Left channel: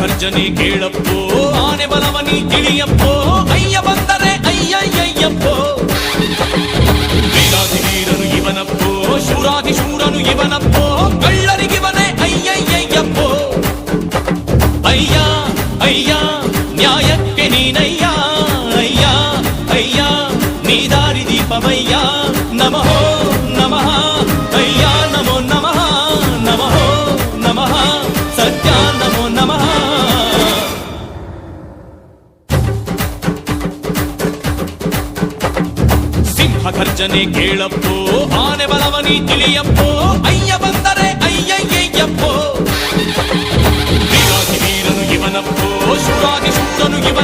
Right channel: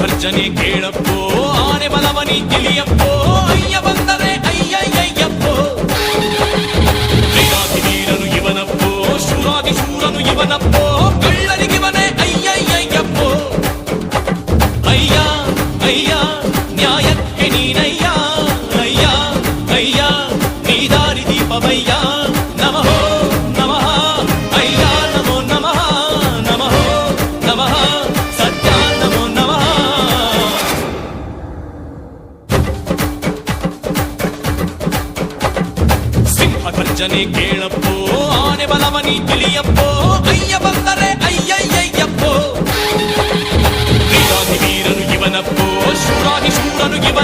ಗರ್ಜನೆ ಕೇಳಪ್ಪೋ, ಆನೆ ಬಲವನಿ ತಿಳಿಯಪ್ಪೋ, ಅಯ್ಯ ಬಂದರೆ ಅಯ್ಯಯ್ಯಯ್ಯಪ್ಪೋ. ವೀರಾದಿ ವೀರನು ಇವನಪ್ಪೋ, ಶೂರಾದಿ ಶೂರನು ಇವನಪ್ಪೋ, ಕಳ್ಳರಿಗಿವನೇ ಅಯ್ಯಯ್ಯಯ್ಯಪ್ಪೋ. ಅಯ್ಯ ಅಯ್ಯ ನ್ಯಾಯಕ್ಕೆ ನೀನಯ್ಯ, ಅಯ್ಯ ಅಯ್ಯ ನೀ ದಾರಿ ದೀಪವಯ್ಯ. ನಮಃ ನಮಃ ಅಯ್ಯ ನಮೋ ನಮಃ, ನಮಃ ನಮಃ ಸತ್ಯ ನಮೋ ನಮಃ. ಸಿಂಹ ಗರ್ಜನೆ ಕೇಳಪ್ಪೋ, ಆನೆ ಬಲವನಿ ತಿಳಿಯಪ್ಪೋ, ಅಯ್ಯ ಬಂದರೆ ಅಯ್ಯಯ್ಯಯ್ಯಪ್ಪೋ. ವೀರಾದಿ ವೀರನು ಇವನಪ್ಪೋ, ಶೂರಾದಿ ಶೂರನು ಇವನ